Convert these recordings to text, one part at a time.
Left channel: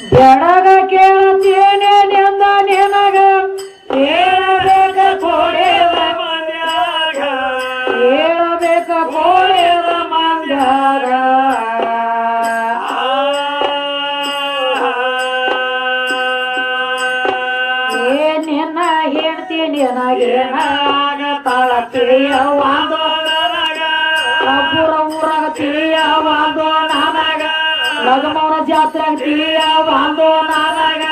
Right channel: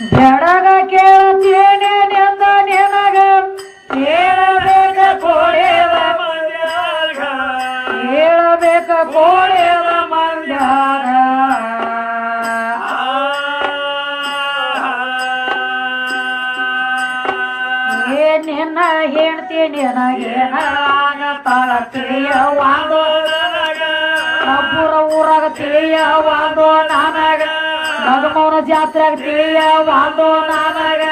ಬೆಳಗ ಕೇಳ್ತೇನೆಂದ ನಿನಗ ಹೇಳಬೇಕ ಕೋಡ್ಯದ ಮಂದ್ಯಾಗ ಹೇಳಬೇಕ ಕೋಡ್ಯದ ಮಂದ್ಯಾಗ ನಿನ್ನ ಹೆಣ್ತಿ ನಿನಗೇನಾಗ ತಳತಿಯ ಒಂದು ಒಬ್ಬರ ಊರಾಗ ತಿಳಿಯ ಒಂದು ನನಗ ಲಗಮೌನ ಜಾತ್ರೆಗ ತಿಳಿಯ ಒಂದು ನನಗ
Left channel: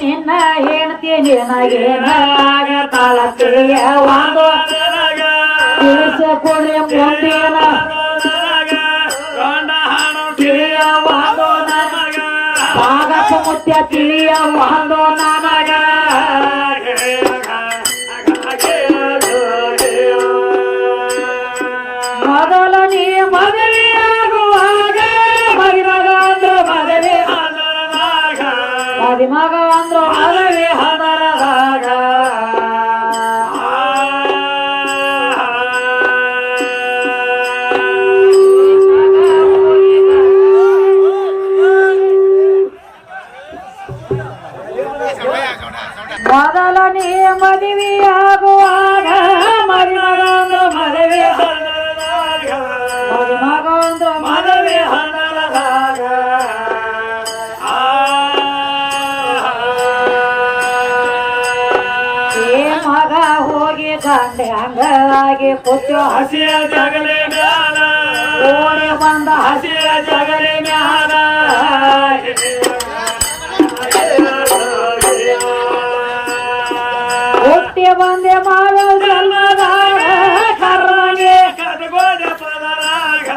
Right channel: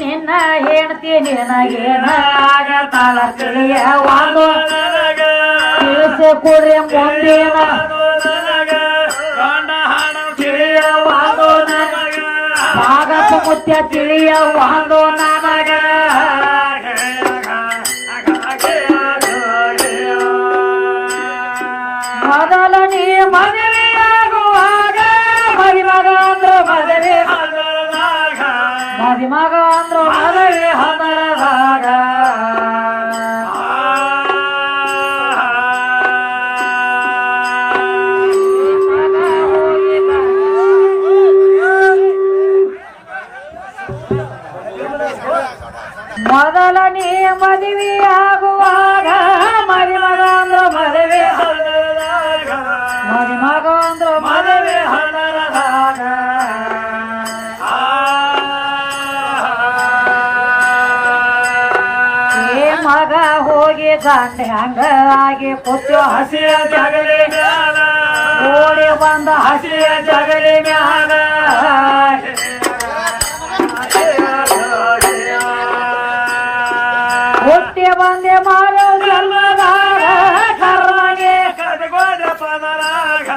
ನಿನ್ನ ಹೆಣ್ತಿ ನಿನಗೇನಾಗ ತಳತಿಯ ಒಂದು ತಿಳಿಸೆ ಕೊಡ್ರಿ ಮುಂದಿನ ಒಂದು ನನಗ ಭಾಗಪ್ಪ ಮುತ್ಯ ತಿಳಿಯ ಒಂದು ನನಗ ಮೊದಲ ನೀ ಮದುವೆಯಾಗುವಾಗ ಮರಿಮಗ ಅಂದ್ರು ಮದುವೆ ಮರಿಮಗ ಅಂದ್ರು ಮದುವೆ ಹದರದಾಗ ಮೊದಲ ನೀ ಮದುವೆಯಾಗುವಾಗ ಮರಿಮಗ ಅಂದ್ರು ಮದುವೆ ಮರಿಮಗ ಅಂದ್ರು ಮದುವೆ ಹದರದಾಗ ಮಗ ಹೋಗಿ ಗಂಡ ಹಂಗ ಆಗಿ ಪುತ್ರ ಹಸಿಯ ಜಗಲಿ ಮ್ಯಾಲ ಓಡಿ ಬಂದ ಹಸಿಯ ಜಗಲಿ ಮ್ಯಾಲ ಹುಟ್ಟಿ ಬಂದೆ ಮಾರೋ ಜನ್ಮದಾಗ ಕರ್ಮನಿ ಕಟ್ಕೊಂಡ ಪದರಾಗ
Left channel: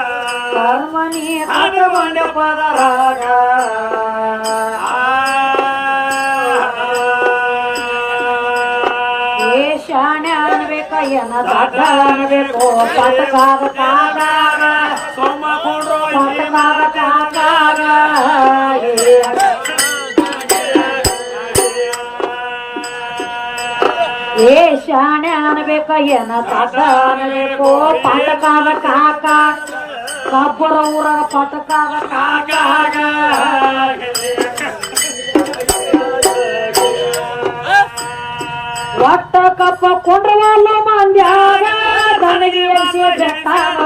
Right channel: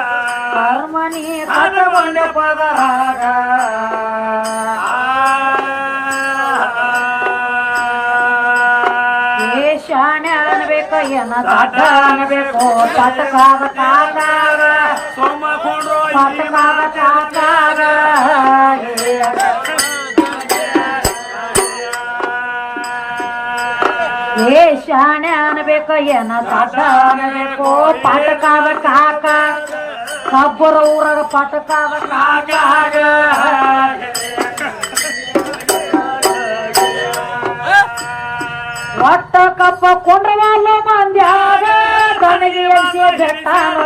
ಕರ್ಮನಿ ಕಟ್ಕೊಂಡ ಪದರಾಗ ಶಾಣೆ ಅನ್ಬೇಕ ಏನ ದಡ್ಡ ಅನ್ಬೇಕು ಪಟಕಾಗ ಕಾಲಾಗ ಸೋಮಕೊಂಡ್ರು ಪಟಕಾಗ ಕಾಲಾಗ ಶಾಣೆ ಅನ್ಬೇಕ ಏನ ದಡ್ಡ ಅನ್ಬೇಕು ಪಟಕಾಗ ಕಾಕ ಕಬ್ಬರ ಊರಾಗ ಪಟಕಾಗ ಕಾಕಾಗ ಒಟ್ಟ ಕಪ್ಪ ಕೊಂಡ್ರವಲ್ಲ ಮಂದ್ಯಾಗ ದನಗಿ ಬೆಟ್ಟಾಗ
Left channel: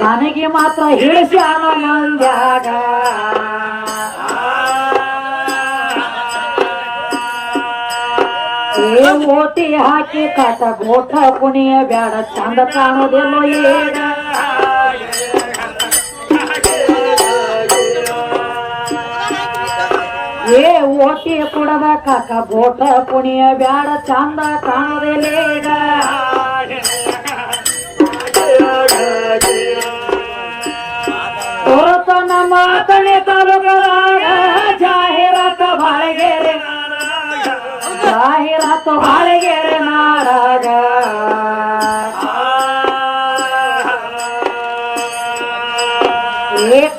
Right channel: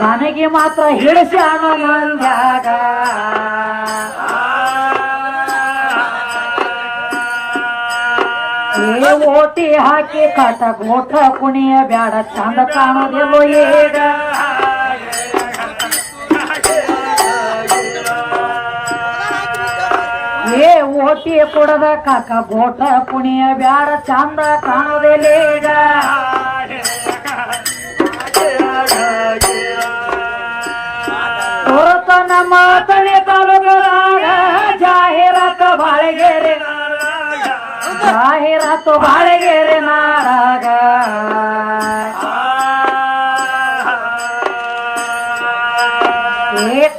ದನಗಿ ಮಾತ್ರ ಹಿಡಿಸ್ಯಾನ ಮಂದ್ಯಾಗ ಓಟಿ ಹಾಕಿ ಕಟ ಗೋಟ ಕುಣಿಯ ಬ್ಯಾಡ ಚಂದ ಕಾಣೋದೆಲ್ಲೋ ಈಗ ಓಟಿ ಕುಡದ ಕಾಕ ಗೋಟ ಕುಣಿಯ ಬ್ಯಾಡ ಚಂದ ಕಾಣೋದೆಲ್ಲೀಗ ಹೊರತ ನಮ್ಮ ತಲೆ ತಾಲೂಕದಾಗ ಜಾಹೀರಾತ ಬಾಳೆಗೆರೆ ಜಾಹೀರಾತು ಬಾಳೆಗೆರೆ ನಾಡಾಗ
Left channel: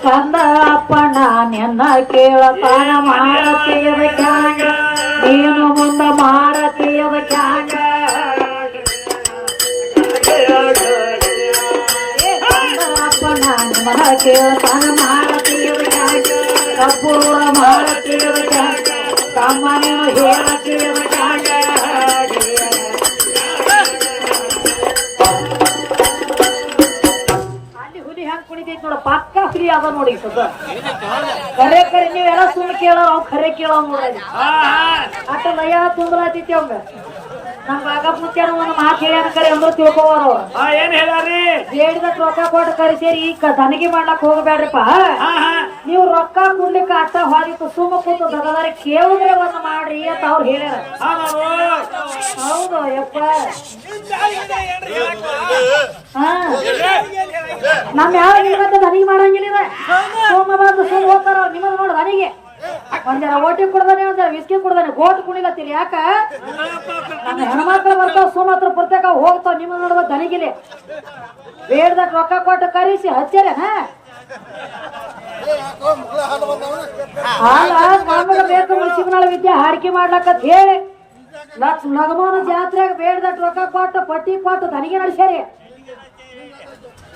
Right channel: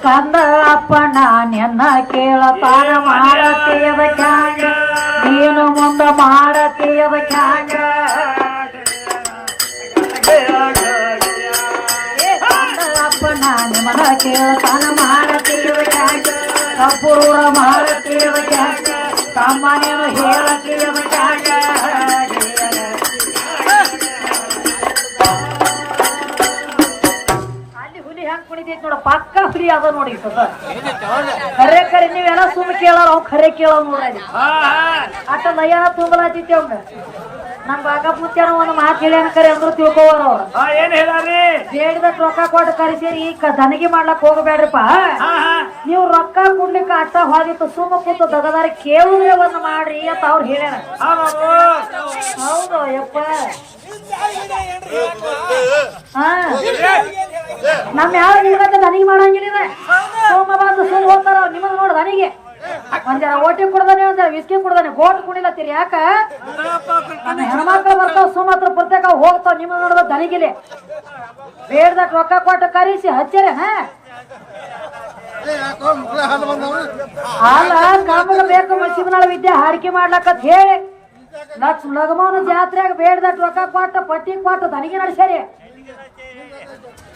ಕಂದ ಅಪ್ಪ ನಾನೆನ್ನ ಕೇಳತಾನ ಮಾಡತೀವ ಚಾಂಗ ನೀನು ಮುಂದ ಮಾಡತೀವ ಚಾಂಗ ಕಂದ ಅಪ್ಪ ನಾನು ಮನ ಕೇಳತಾನ ಮಾಡತೀವ ಚಾಂಗ ಕಬ್ಬೂರ ಮಾಡತೀವ ಚಾಂಗ ತಮ್ಮ ನೀನು ಹೇಳತೀವ ಚಾಂಗ ಕುಣಿತೈತಿ ನೋಡ ಪಕ್ಕ ಫ್ರೀ ಅದ ನೋಡಿ ಕರೆ ಕರೆ ನೀವೆಲ್ಲ ಸುಮ್ಮ ಕೇಳಾರ ಅವ್ ಖರೆ ಕೇಳವ್ ನೋಡ್ರಿ ಅಟ್ಟ ನಯ್ಯನ ತುಂಬಲಾತೈತಿ ಅವಂಗ ನಮ್ ಬಾಗಪ್ಪ ಮುತ್ಯಾನ ಒಂದು ಮಾತು ಹೇಳ್ಯಾನ ಕರೆ ಅಂದ್ರು ತಿಳ್ಕೋವಾರ ಅವ್ರ ಏನ್ ಹೇಳ್ಯಾರ್ರಿ ಬೇಡಿದಟ್ ರೊಕ್ಕ ಕೊಟ್ಟು ಕರಿಸೇರಿ ಈಗ ದನಗಿ ಮಾಡ್ಲಕ್ ಹೋಗಬೇಡ್ರಪ್ಪ ನೀವು ರೊಕ್ಕ ಕೊಡ್ಲಿಕ್ಕ ಅಟ್ಟ ಹೋದಿತ್ತು ಸುಮ್ಮ ಕೂತು ದೊಡ್ಡದಾರಿ ಕೇಳಿದ್ರೆ ಒಂದು ಮಾಡ್ರಿ ಅಂತ ಅವ್ರು ಹೇಳ್ಯಾರ ಹೌದು ಯಪ್ಪ ನಮ್ ಯಾವ ನಿಲ್ಗತ್ತೆ ದನಿಗೆ ಮಾಡಂಗಿಲ್ಲ ಸೋಮ ಬಂದು ಸುಮ್ ಹೋಗ್ತಾರ ಅವ್ರು ನಿಮಗ್ ನೋಡ ದನಿಗೆ ಒಂದರ ಓಟಿ ಕೊಡ್ದಾನೆ ಒಂದರ ವಿಸ್ಕಿ ಕೊಡ್ದಾನೆ ಗೋಟ್ ಕುಣಿಲತ್ತೀರಿ ಯಾಕ ನಮ್ಮ ಹೆಣ್ಮಕ್ಳು ಬರ್ತಾವ ಸುಮಾತ್ರ ಪ್ರತ್ಯೇಕ ಹೋಗ್ತಾವ ನಿಮಗ್ ನೋಡಿದ ದನಿಗಿಲೆ ಬೇಡ್ದಕ್ ರೊಕ್ಕ ಕೊಟ್ಟು ಕರಿಸಿ ಹಚ್ಚೇರೆ ಹಾಲ ನಮಗ ಬೇಕು ಮಸಿಬನಾಳ ವಿದ್ಯೆ ಹಾಡಿಕೆ ಮಾಡ್ಲಕ್ಕ ಹೇಳಿ ಲಗಮನ ಜಾತ್ರೆಗ ಬೇಡದಟ್ ರೊಕ್ಕ ಕೊಟ್ಟ ಪಟ್ಟಿ ಕೊಟ್ಟ ತನಗೆ ನಡ್ಸ್ಯಾರಿ.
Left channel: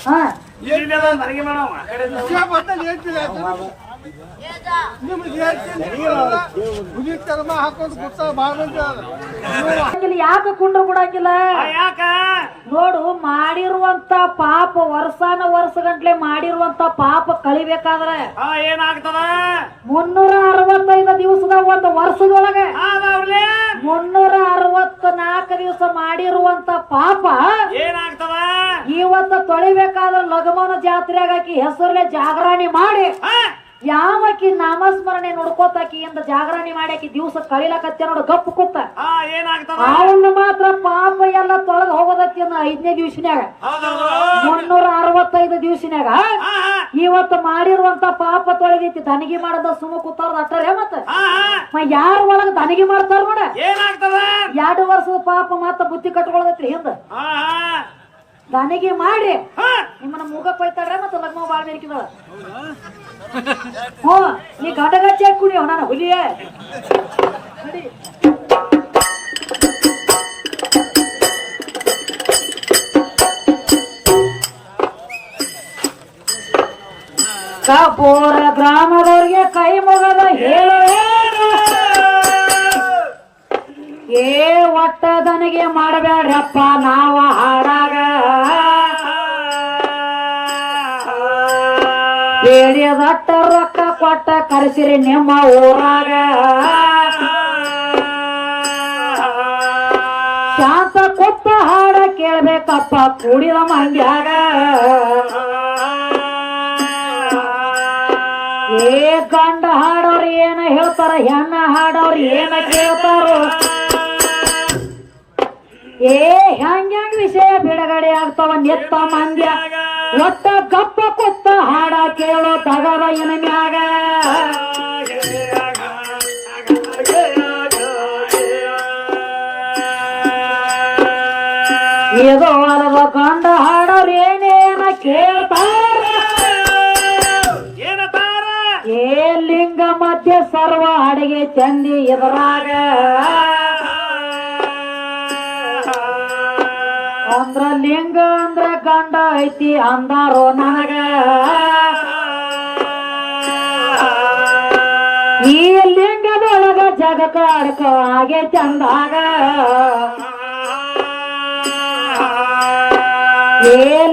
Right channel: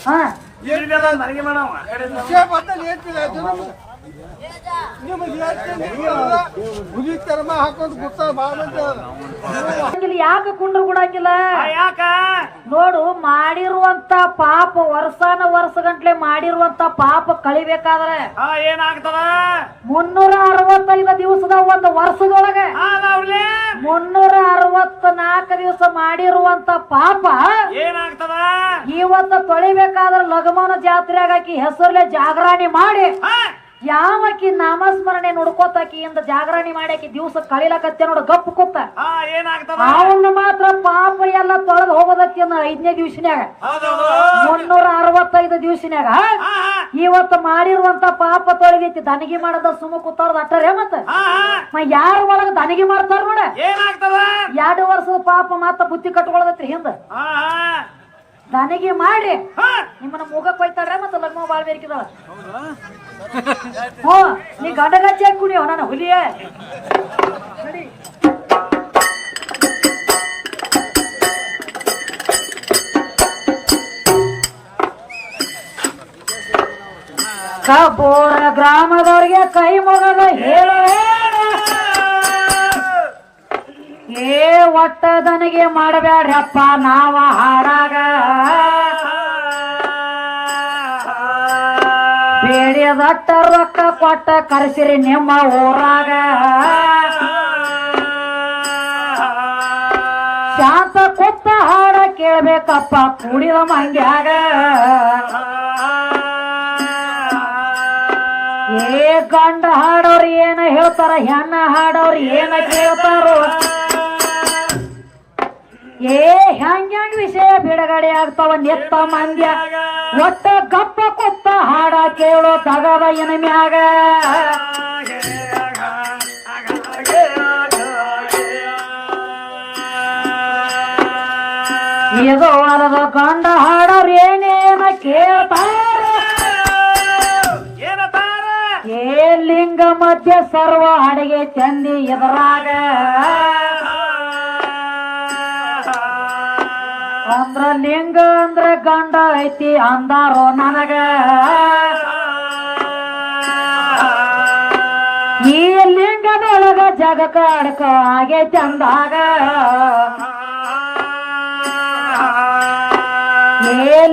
ಹಾ ನನಗೆ ಮೇಡಮ್ ಯಾಕ ಕುಂಡ್ರು ಕೊಡಂಗಿಲ್ಲ? ಯಾಕ ನೋಡು, ಮಾಡಿರುವಂತ ಪಾಪ ವರ್ಷ ಗಂಟ್ಲೆ ಮಾಡಿರುವಂತ ಪಾಪ ಕಳಿಬೇಕಾದ್ರೆ ಏನಾಗ್ತದ? 365 ದಿವಸದ ಒಂದು ವರ್ಷದೊಳಗೆ 364 ದಿವಸ ಮಾಡಿರುವಂತ ಪಾಪ ಏನಾಗ್ತದ? ಇವತ್ತ ತೊಳಿಬೇಕಾದ್ರೆ ಲಗಮನ ಜಾತ್ರೆಗೆ ಆಕಿ ಹೆಸರಲ್ಲೇ ಜಾಗರಣೆ ಮಾಡಿ ಯಾವಕಿ ನಾಮಸ್ಮರಣೆ ನುಡ್ಕೋತಾಕಿಯಿಂದ ಜಾಗರಣೆ ಮಾಡ್ಯಾಕಿ ದಿವಸ ಕಳಿಲಕತ್ತೆ ನೋಡು ಗಪ್ಪು ಕೂತ. ಅವನ್ನ ಮಾತ್ರ ಪಾಪ ಎಲ್ಲ ತೊಳೆದು ಹೋಗೋದಕ್ಕೆ 5ನೇ ದಿವಸನ್ಯಾಗ 365 ದಿವಸನ್ಯಾಗ ಇವತ್ತು ಮಾಡಿರುವಂತ ಪಾಪ ತೊಳೆದೈತಿ. ದನಿಗೆ ಮಾಡದ ಸುಮ್ಮ ಕೂತಾರ ಅಟ್ಟರೆ ಮತ್ತ ಯಾರ ಒಳಗ ದನಿಗೆ ಮಾಡ್ತಾರ ನೋಡ. 2 ವರ್ಷದ ಪಾಪ ಮಾತ್ರ ಬುದ್ಧಿ ಕಟ್ಕೊಳ್ಳದತ್ರಿ ಹಿಂದ ದನಿಗೆ ಮಾಡಿ ನಿಮ್ಮನ್ನ ಮುಖಕ್ಕೆ ಹೋಯ್ತಾಡ್ರೆ ಮತ್ತ ಲಗ್ನ ಬಾಳ್ ಬೇಕಿದಾವ. ನೀ ಗಂಡಗಚ್ಚಿ ಹಾಕಿ ಕುಡಿಯೋ ನಾನು ಹುಲಿಯೇ ನಡಿ. ಕಬೋರ ಗ್ರಾಮದವ್ರಿಗೆ ಕೈ ಮುಗದ ಹೇಳುವೆ ಒಟ್ಟ ದನಿಗೆ ಮಾಡಬೇಡ್ರಪ್ಪ ನಾವ ಹಾಡಾಗ ಬೇಡಿಯದಟ್ಟ ರೊಕ್ಕ ಕೊಟ್ಟ ಕರೆಸಿರಿ ನಿಮ್ಮ ಊರಾಗ ಶಾಂತ ಕೊತ್ತ ಹಾಡ ಕೇಳ್ಬೇಕಪ್ಪ ಕೂಡಿದ ಮಂಡ್ಯಾಗ ಗಂಡ ಹಾಡೋರು ಏನ ಹೇಳ್ತಾರ ಹೆಣ್ಣ ಹಾಡೋರು ಏನ ಕೇಳ್ತಾರೋ ಹೆಂಗ್ ವಿಷಯ ಬಿಡುಗಡೆ ಆಗ್ತಾವ ನೆತ್ತ ಮಂದ್ಯ ಒಟ್ಟ ಗಪ್ಪ ಕೊತ್ತ ಹಾಡ ಕೇಳೋ ತಗದ ಏನ ಮ್ಯಾಗ ಇದು ಅಲದ ಗಂಡ ಹಾಡೋರು ಏನೇನ ಕೇಳ್ತಾರ ಲಿಂಗ ಮಧ್ಯ ಸರ್ವ ಅಡಿಗೆ ಚಂದಿ ಎದುರಾಗ ಅಂದ್ರ ಲಿಂಗ ಅಂದ್ರ ಗಂಡ ಐತಿ ಅಂದಾರೋ ನನಗ ಈ ಲಿಂಗದೊಳಗ ಜಗಕ್ಕ ಅಡಕ ಹಾಗೆ ಚಂದಾಗ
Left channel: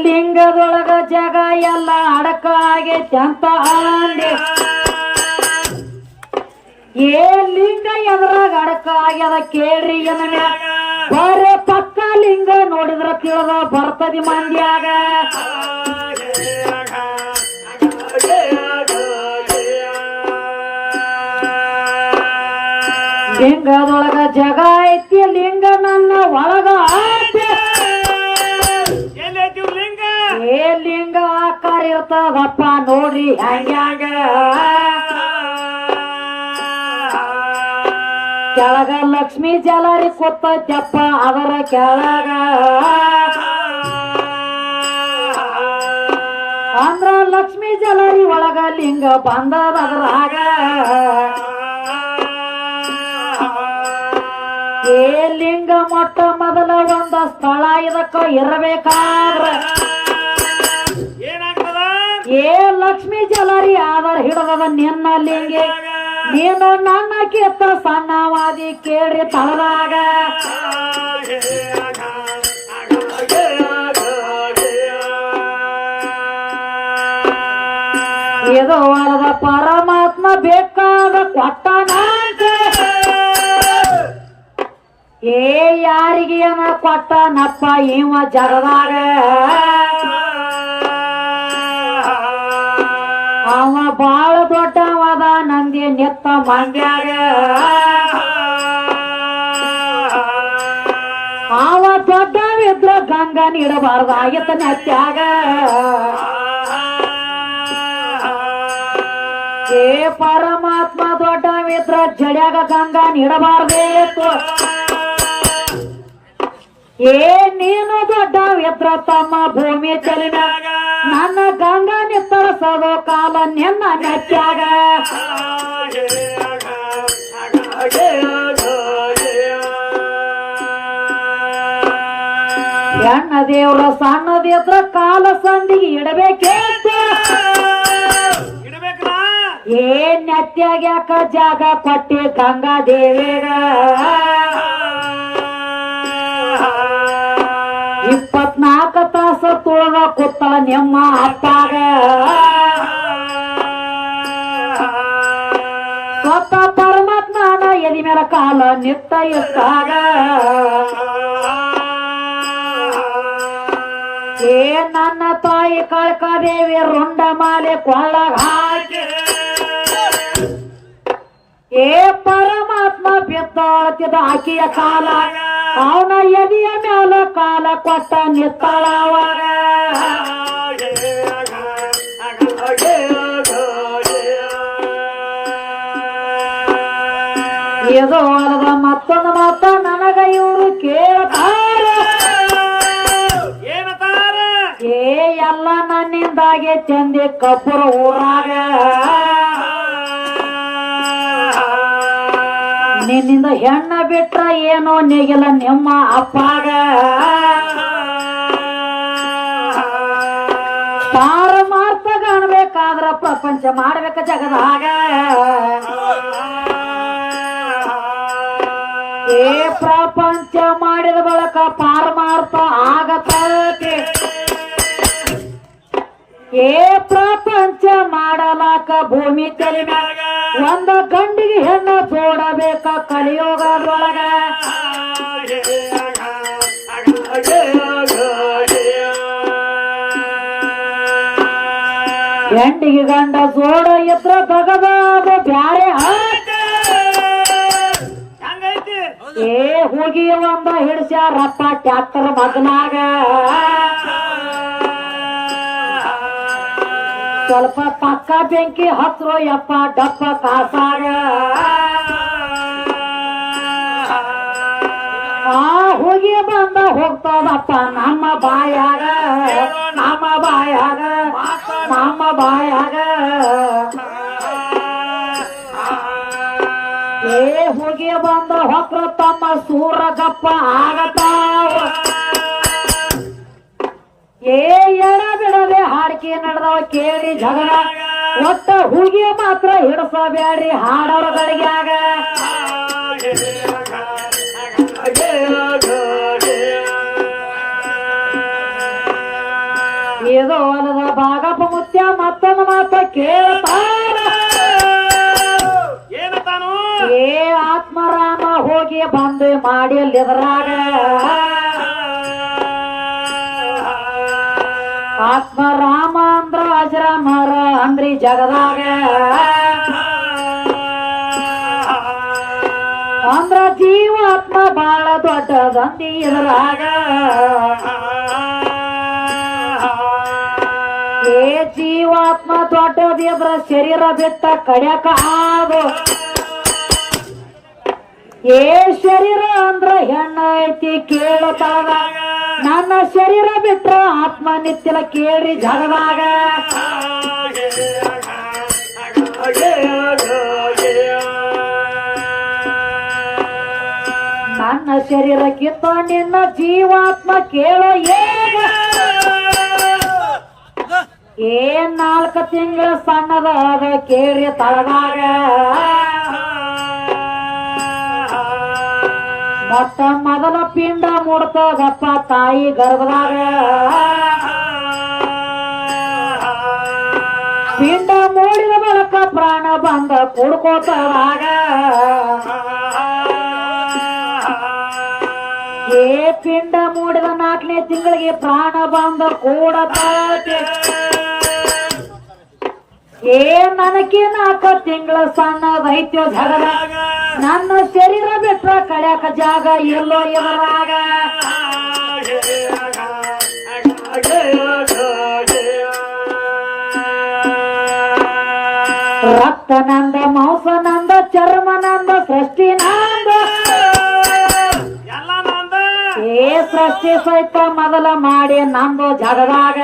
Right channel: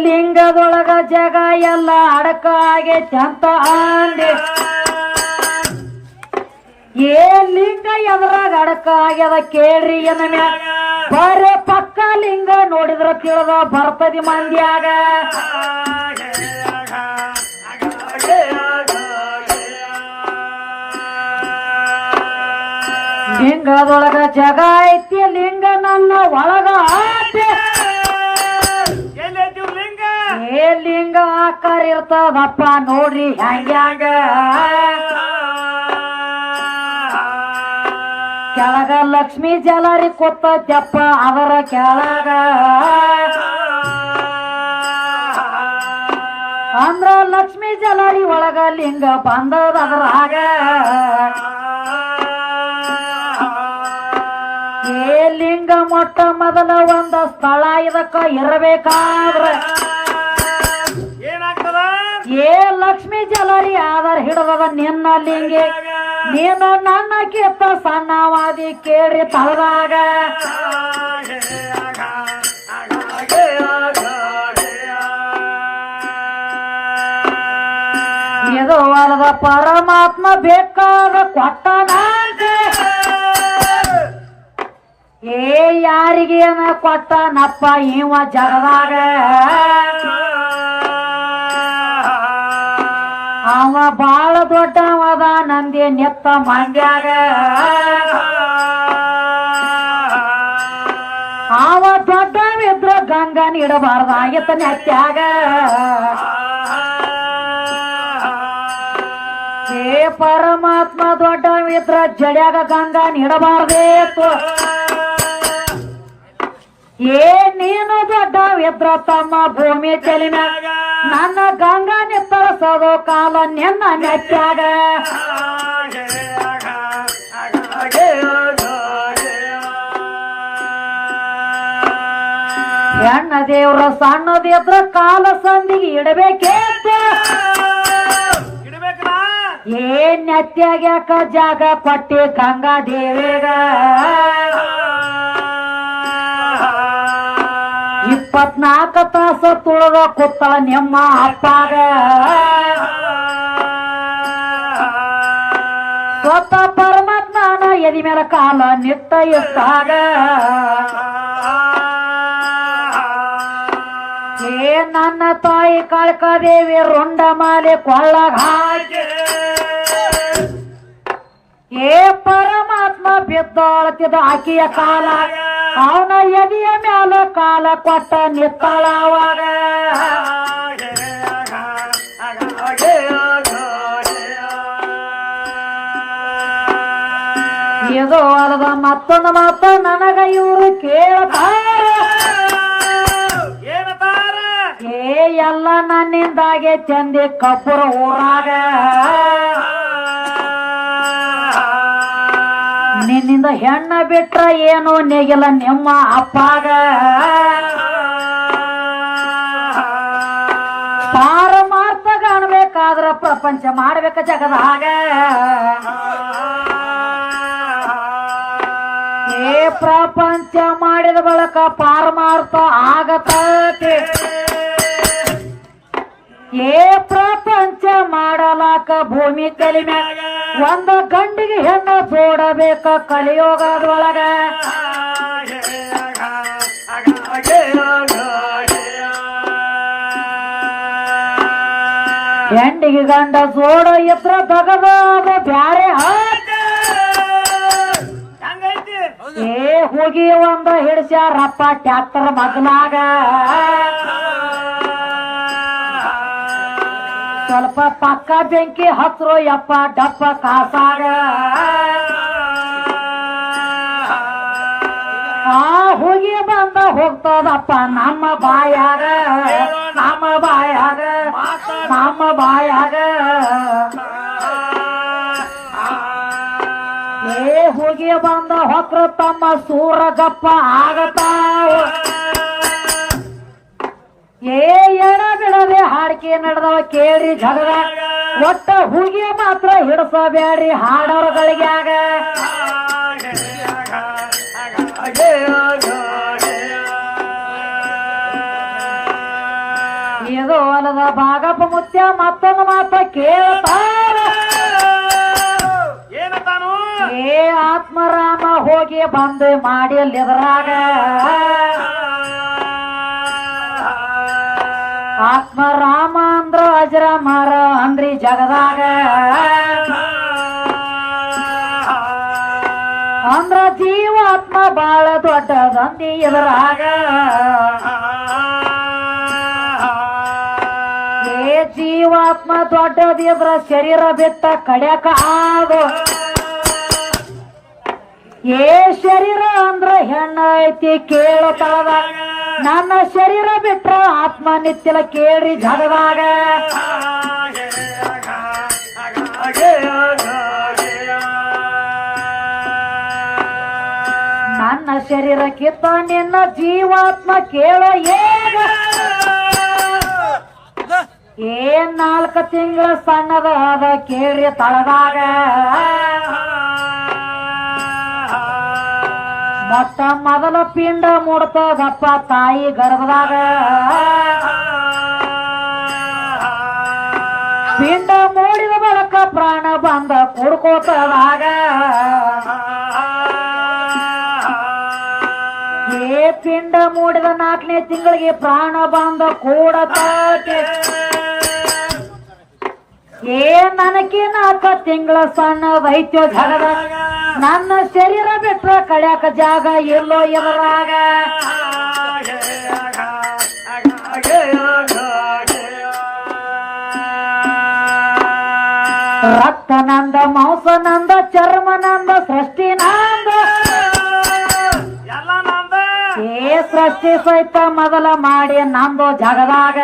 ಲಿಂಗದೊಳಗ ಜಗ ಎಲ್ಲ ಅಡಕ ಹಾಗೆ ಚಂತ ಅಂದೆ ಲಿಂಗ ಎದ್ರಾಗ ಅಡಕ ಆಗ್ಯದ ಕೇಳ್ರಿ ಏನ ಬರೇ ಪಕ್ಕ ಲಿಂಗ ನೋಡಿದ್ರ ತಿಳಿದ ಬರ್ತದಿ ಮಂದ್ಯಾಗ ಲಿಂಗದೊಳಗ ಜಗ ಐತಿ ಲಿಂಗ ನನ್ನ ಒಳಗ ಲಿಂಗ ಆಕಾರ ಇರ್ತದಪ್ಪ ನೋಡ್ರಿ ಹಂಗ್ಯಾಂಗ ಕೆಳಗ ಲಕ್ಷ್ಮೀ ಜಲರಿ ಕೂತಪ್ಪ ಅದರ ಕೆಳಗ ಅಂದ್ರ ಲಕ್ಷ್ಮೀ ಜಲರಿ ಒಳಗ ಲಿಂಗ ಬಂದದ ಅದರಾಗ ಲಿಂಗ ಮೊಟ್ಟ ಮೊದಲ ಒಂದ ಸ್ಥಳ ಇದಕ್ಕ ಇರಬೇಕಾದ್ರ ಲಕ್ಷ್ಮೀ ಜಲರಿ ಆಧಾರ ಹಿಡದ ನಿನ್ನ ಲಿಂಗೆ ನೀನು ನನ್ನ ಕಿತ್ತ ಸಣ್ಣವಾದಿ ಕೇಳಿ ತಳದಾಗ ಇದು ಅಲ್ಲದ ಪರಮಾತ್ಮ ಬೇಕಾದ ಕೊಟ್ಟನ ಯಾರಿಗೇನ ಕೊಟ್ಟನಪ್ಪ ಇವ ಜಗದಾಗ ಅವ ಬಾಳ ದೊಡ್ಡವದ ನಂದಿ ನೆತ್ತ ಮಂದ್ಯಾಗ ಅವ ದೊಡ್ಡವಿದ್ರ ಗಂಗನ ಇಡಬಾರ್ದಾಗಿತ್ತ ನೆತ್ಯಾಗ ಪರಮಾತ್ಮ ದೊಡ್ಡವಿದ್ರ ಜಡ್ಯಾಗ ಗಂಗನ ಇಡಬಾರ್ದೇತು ನೀನು ದೊಡ್ಡವಿದ್ರ ತಮ್ಮ ಭೂಮಿ ಚೆಲಿನ ನನ್ನ ಗಂಗಾ ನಿತ್ತರಿಸೋದು ಕಾಲ ನಿನ್ನ ನೆಚ್ಚಾಗ ಹೆಣ್ಣ ದೇವ್ರ ಸಣ್ಣದಿದ್ರ ಕಾಲ ಸಂದಿಗೆ ಇಡಬೇಕೇತ ಇಡ್ಬೇಕಲ್ಲ ಏನ್ ನೆತ್ಯಾಗ್ಯಾಕ ಜಾಗ ಕೊಟ್ಟಿ ಗಂಗಾ ದೇವಿಗ 24 ತಾಸು ತುಳದ ಕೂತಳ ನಿಮ್ಮ ಅಪ್ಪಾಗ ಸ್ವತ ಪರಮಾತ್ಮನ ಎದಿ ಮೇಲೆ ಕಾಲ ನಿತ್ತ ಎತ್ತಾಗ ಏ ನನ್ನ ತಾಯಿ ಕಾಳಕಾದೇವಿ ರುಂಡ ಮಾಲೆ ಕೊಳ್ಳಾಗ ಹಾಕಿ ಏ ಪರಮಾತ್ಮ ಬಿದ್ದಾಳತಿದ ಆಕಿಯ ಕಾಲ ಅವನ ಎದಿಯ ಮ್ಯಾಲ ಕಾಲ ಕೊಟ್ಟ ನಿತ್ತಾಳವಾಗ ಇದು ಅಲ್ಲದ ಮತ್ತೊಂದು ಮಾತ ನನಗ ಇವರು ಕೇಳ್ತಾರ ಏನತಾರ ಏ ಎಲ್ಲ ನನ್ನಿಂದಾಗೆ ಚಂದಿ ಕಪುರ ಊರಾಗ ನಿನ್ನಿಂದ ಹೆಣ್ಣ ಬಿಟ್ರ ಏನೋ ನೆಗಿಲ್ಲ ನಿಮ್ಮ ಅಪ್ಪಾಗ ಪಾರಮಾರ್ಥ ಕಾಣಬೇಕಾದ್ರ ಪ್ರಪಂಚ ಮಾಡ್ಬೇಕ ಜಗದಾಗ ಏ ಪ್ರಪಂಚ ಮಾಡಿದ ಬಳಕ ಪಾರಮಾರ್ಥ ಆಗತೈತಿ ಏ ಪ್ರಪಂಚ ಮಾಡಲಾಕ ಭೂಮಿ ತಲೆ ಮ್ಯಾಗ ಒಂದ ಗಂಡಿಗೆ ಹೆಣ್ಣು ಜೋಡಬೇಕ ಕಲಿಯೋಗದೊಳಗ ಹೆಂಡಿಗೆ ಗಂಡ ಜೋಡ ಇದ್ರ ದಗದ ಬ್ಯಾರೆ ಹಂಗೈತಿ ಏ ಹೋಗಿ ಒಂದ ಹಿಡಿಸ್ಯಾರಪ್ಪ ಟ್ಯಾಕ್ಟರ್ ಮಗನಾಗ ಸ್ವಲ್ಪ ಪಕ್ಕ ಬೆಂಕಿ ಹತ್ರು ಯಪ್ಪ ಡಪ್ಪ ಕಾಸಾಗ ಆ ಹೋಗಿ ಬಂದ ಹೋಗ್ತದಪ್ಪ ನಮ್ಮ ಬಾಯಾಗ ನಮ್ಮ ಬಾಯಾಗ ನಮ್ಮ ಬಾಯಾಗ ಏ ಹೋಗಿ ಬಂದ ಹೊಕ್ರು ತಮ್ಮ ಸೂರಗಪ್ಪ ಆಗತಾವ ಏ ಎಡ ಬಿಡದೆ ಹಾಡಿಕೆ ನಡೆದವ ಕೇಳಿ ಜಗಳ ಒಟ್ಟ ಹೂಗಿ ಮಾತ್ರ ಹಿಡಿಸಬೇಡ್ರಿ ಹಾಡೋರ್ಗಳಿಗ್ಯಾಗ ಇದು ಅಲ್ಲದ ಭಾಗಪ್ಪ ಮುತ್ಯ ಮತ್ತೊಂದು ಮಾತ ಕೇಳ್ತಾರ ಏನತಾನು ಏ ಆತ್ಮರಾಮ ಹೋಗಿ ಬಂದು ಮಾಡಿ ಅಲ್ಲಿದ್ರಾಗ ಆತ್ಮರಾಮ ಅಂದ್ರ ಅಜರಾಮರ ಅಂದ್ರಿ ಜಗದಾಗ ಅಂದ್ರ ಜೀವಾತ್ಮ ಬಾಳ ದೊಡ್ಡದಂದಿ ಎದುರಾಗ ಏ ಜೀವಾತ್ಮ ದೊಡ್ಡದಿದ್ರ ಶರೀರ ಬಿಟ್ಟ ಕಡ್ಯಾಕ ಆಗು ಏ ಶರೀರ ಅಂದ್ರ ಹೆಣ್ಣ ಐತಿ ಕೇಳತಾವ ನನ್ನ ಶರೀರ ಬಿಟ್ರ ಆತ್ಮ ನಿತ್ಯಲ ಕೇಳಿ ಜಗದಾಗ ನನ್ನ ಶರೀರಕ್ಕಿಂತ ನಿನ್ನ ಜೀವಾತ್ಮ ಕೇಳೋ ಏಗ ಏ 4 ತಿಂಗಳ ಸಣ್ಣದ ಅದ ಕೇಳಿ ತಳದಾಗ ಮೊಟ್ಟ ಮೊದಲ ಪಿಂಡ ಮೂಡ್ತದಪ್ಪ ತಾಯಿ ಗರ್ಭದಾಗ ಪಿಂಡ ಮೂಡಿದ ಬಳಕ ಪ್ರಾಣ ಬಂದ ಕುಡ್ಕೋತದಾಗ ಏ ಪಿಂಡ ಮೂಡಿದ 4ನೇ ತಿಂಗಳಿಗೆ ಪ್ರಾಣ ಬಂದ ಕೂಡತೈತಿ ಏ ನನಗೆ 4 ತಿಂಗಳ ಸಣ್ಣದೈತ್ಯೋ ಜಗದ ನನ್ನ ಶರೀರ ಬಿಟ್ರ ಕಡ್ಯಾಕ ಜಾಗ ಎಲ್ಲೋ ಎದುರಾಗ ರಕ್ತ ನಂದ ಮಾಂಸ ನಂದ ಚರ್ಮ ನಂದ ಸೃಷ್ಟಿ ನಂದ ಎಲ್ಲ ನಂದ ಏ ಸೃಷ್ಟಿ ಸಹಿತ ಮೊದಲ ಮಾಡಿ ನಂದು ಜಗದಾಗ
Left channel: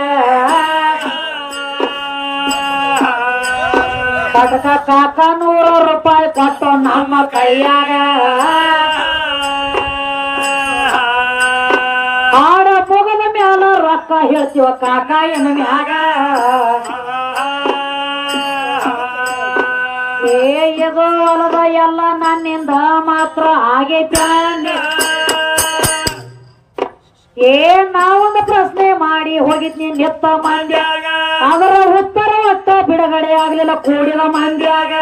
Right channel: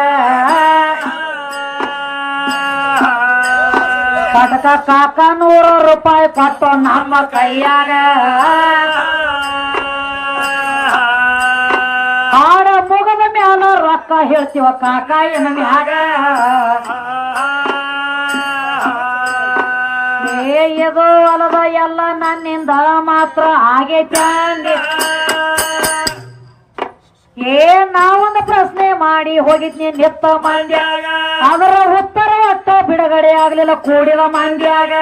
ಕಟಕ ಕಾಕ 100 ರೂಪಾಯಿ ಕೊಟ್ಟು ನಮ್ಮ ಕೈಯಾಗ ಹಾಡ ಮುಗದ ರೊಕ್ಕ ಹೇಳ್ತೀವ ಕಾಕ ಏನು ಮ್ಯಾಗ ಇದು ಹೊಲದ ಎಲ್ಲ ನನ್ನಿಂದ ಮಾತ್ರ ಆಗೈತೆ ನಾವೊಂದು ಪ್ರಶ್ನೆ ಮಾಡಿ ಹೋಗಿದ್ನಿ ನಿತ್ತ ಮಂದ್ಯಾಗ ಅದರ ಉತ್ತರ ಒಟ್ಟ ಬಿಡುಗಡೆ ಆಗ್ಲಿಲ್ಲ ಕೂಡಿದ ಮಂದ್ಯಾಗ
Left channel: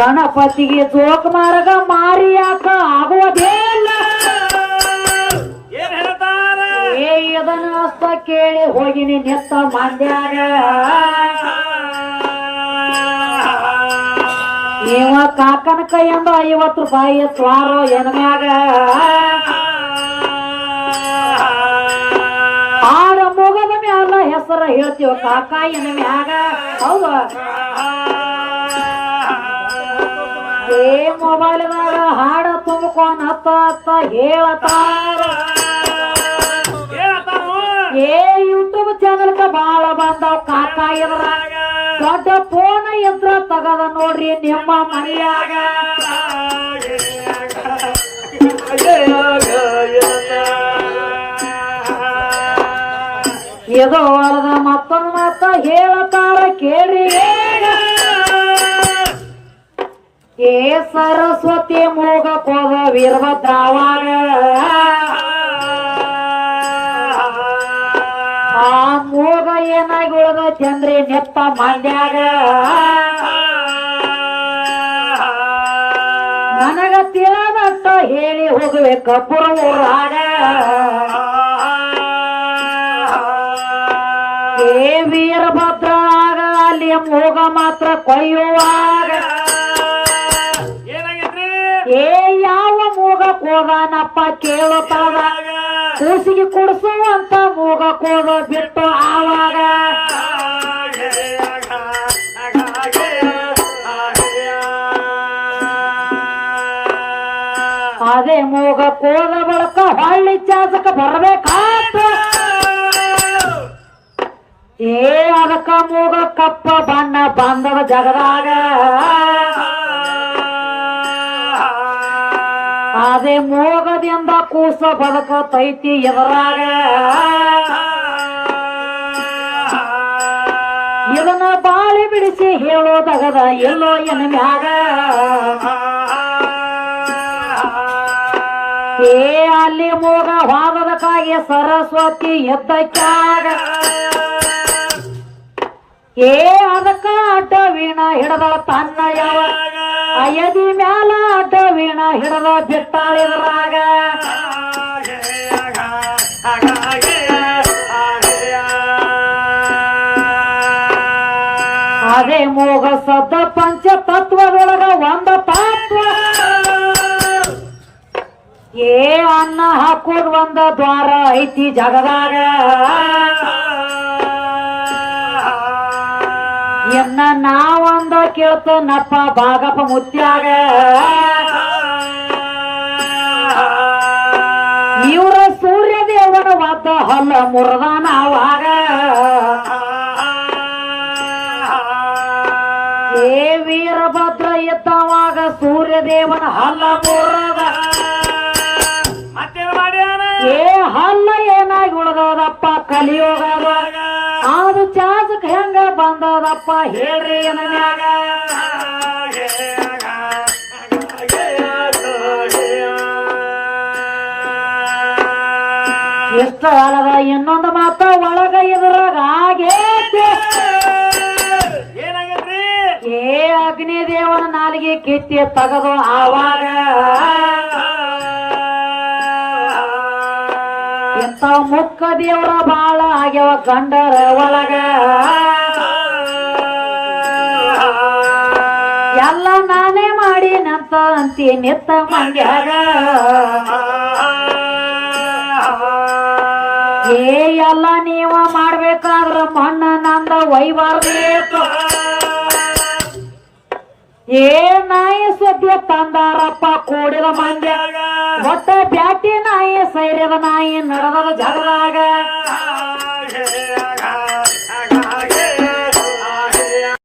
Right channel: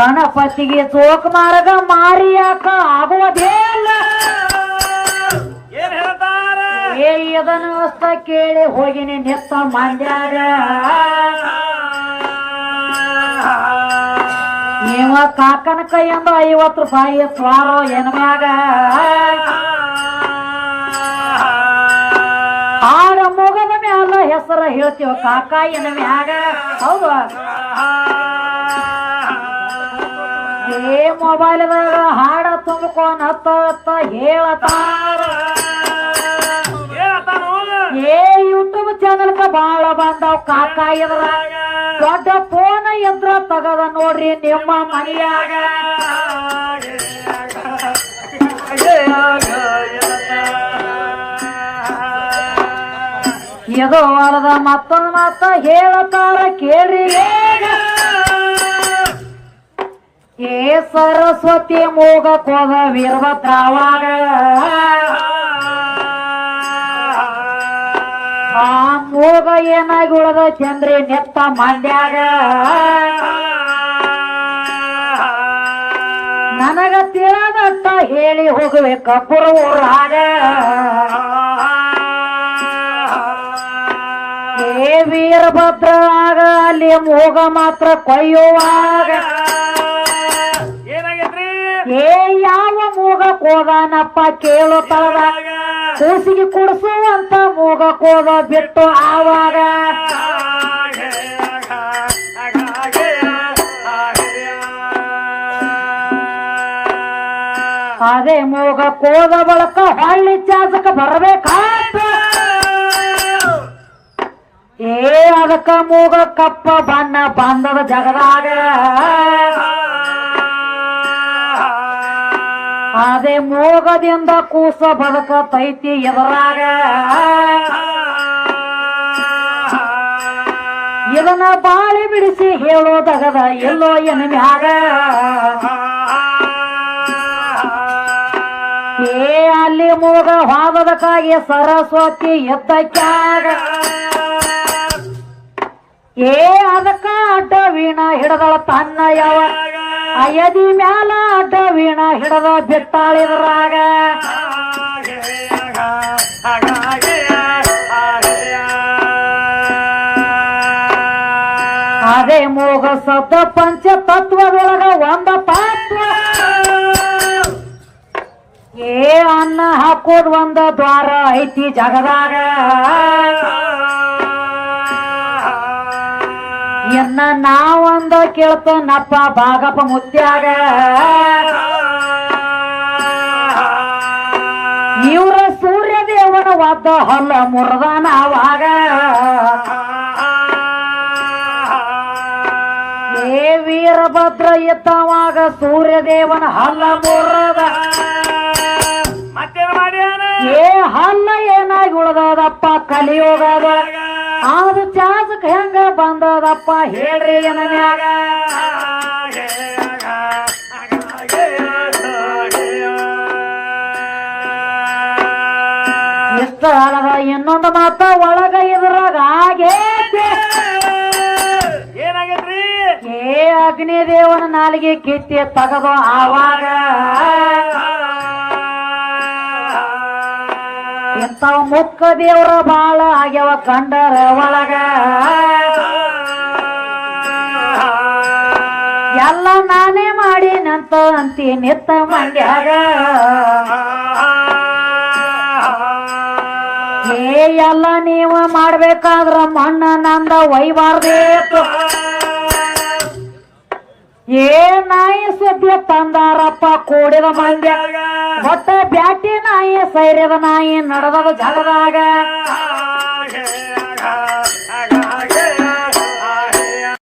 ಗಣಪತಿಗೆ ಜೋಕ್ ಮಾರ್ಗ ಮಾರಿಯಾಕ ಆಗುವುದೇಲ್ಲ ಇದನ್ನು ಅಷ್ಟ ಕೇಳಿ ಹೋಗಿನಿ ನೆತ್ತ ಮಂದ್ಯಾಗ ಇವ ಕಾಕನ ಕೈಯಿಂದ 50 ರೂಪಾಯಿ ತ್ವಾರೋ ಎನ್ಮ್ಯಾಗ ಆಡ ಮುಗದ ಮ್ಯಾಲ ಹೆಸರ ಹೇಳ್ತೀವ ಕಾಕ ಎನ್ ಮ್ಯಾಗ ಹೌದು ಮೊಬೈಲ್ದಾಗ ಹಾಡ ತುಂಬ್ಕೊಂಡ್ ಹತ್ತ ಹೇಳತಾರ ಯೂಟ್ಯೂಬ್ ಚಾನಲ್ ಬಾಳ ಬಂದಾವ್ ಕಾಕ ಇದ್ರಾಗ ದೊಡ್ಡ ಫೋನ್ ಯಂತ್ರ ತಗದ ನೋಡ್ರಿ ನಿಮ್ಮ ಮನೆಯಾಗ ಇದು ಹೊರದ ಮತ್ತೊಂದು ಮಾತ ಹೇಳತಾರ ಕೇಳಿ ಸರಸ್ವತಿ ಮೂಗ ಕೋದ ವೀರಭದ್ರವಾಗ ಆ ಮೂಗ ಏನಾಗಿ ಉಳದ ಚಂದ್ರಿ ನೆತ್ತ ಮಂಡ್ಯಾಗ ನನಗ ತಿಳಿದಟ್ಟ ಹೇಳಿ ಹೋಗುವೆ ಕಬ್ಬುರ ಊರಾಗ ವೀರಭದ್ರವಾಗ ಅಲ್ಲಿ ಮೂಗ ಮಾತ್ರ ಕೊಯ್ಯುವಾಗ ಯಾವ ಮೂಗ ಕೋದನಪ್ಪ ಕೇಳುತ್ತದ ಕೂಸಿಗೆ ಕುಡಿಸುವಂತ ಮೂಗ ಕೋದ ಬಿಟ್ಟು ಆವಾಗ ಅದೇ ಮೂಗ ಕೋದ ಬಳಕ ಹಳ್ಳಿ ಚಾಸಕ ಬರಬೇಕಾತ ಅದಕ್ಕ ಮೂಗ ಕಪ್ಪ ಬಣ್ಣ ಬಂದದ ಜಗದಾಗ ಅದೇ ಮೂಗದಿಂದ ಕೂಸ ಬದಕ ತೈತಿ ಎದುರಾಗ ಇದನ್ನ ಬಾಳಿ ಬಿಡಿಸಿ ಹೇಳೋದಗದ ಎಲ್ಲೋ ಎನ್ಮ್ಯಾಗ ಅಲ್ಲಿ ಮೂಗ ವಾದದಕ್ಕಾಗಿ ಸರಸ್ವತಿ ಎದ್ದಕ್ಕಾಗ ಅದಕ್ಕ ಅಡ್ಡ ವೀಣ ಹಿಡದಳ ತನ್ನ ಯಾವ ಅಯದಿ ಮ್ಯಾಲ ಅಡ್ಡ ವೀಣ ಹಿಡದ ಬಿಟ್ಟಾಳಿದ್ರಾಗ ಅದೇ ಮೂಗ ಸದ್ದ ಪಂಚ ತತ್ವದೊಳಗ ಒಂದ ತತ್ವ ಅನ್ನ ಹಾಕೋದ್ ಒಂದ ದ್ವಾರ ಐತಿ ಜಗದಾಗ ಇನ್ನ ನಾವೊಂದ ಕೇಳ್ತನಪ್ಪ ಭಾಗಪ್ಪ ಮುತ್ಯಾಗ ಇವ್ರ ಸೂರ್ಯ ದೇವನ ವಾದ ಹೊಲ ಮುರದ ನಾವಾಗ ವೀರಭದ್ರ ಇದ್ದವಾಗ ಸೂರ್ಯ ದೇವನ ಹಲ್ಲ ಮುರದ ಹಲ್ಲ ಏನಾಗಿ ಉಳದದಪ್ಪ ಕಲಿಯೋಗದ ಅದು ಚಾಸಕ್ ಹೆಂಗ ಬಂದದಪ್ಪ ಹೇಳ್ರಿ ಎನ್ಮ್ಯಾಗ ಇಷ್ಟ ಅಲ್ಲದ ಇನ್ನೊಂದು ಮಾತ ಒಳಗ ಇದ್ರಾಗ ಆಗೇತಿ ಅಗ್ನಿದೇವನ ನಾಲಿಗೆ ಕಿತ್ತಿ ತಗದು ಆವಾಗ ಇಂಥವ ಮುಕ್ಕ ದೇವ್ರ ಬಾಳ ಆಗ್ಯವ ಗಂಡರ ಒಳಗ ಎಲ್ಲ ನಾನೇ ಮಾಡಿ ನಂತ ಅಂತಿ ನಿತ್ತ ಮಂಡ್ಯಾಗ ಎಲ್ಲ ನೀವ ಮಾಡ್ಬೇಕಾದ್ರ ಮಣ್ಣ ನಂದ ಒಯ್ಬಾರ್ದೇತು ನಾಯಿ ಸದ್ಯ ತಂದಾರಪ್ಪ ಕೂಡಿದ ಮಂಡ್ಯಾಗ ಹೊಟ್ಟ ಬ್ಯಾಟಿ ನಾಯಿ ಸೈರ್ಯದ ನಾಯಿ ನಡೆದದ ಜಗದಾಗ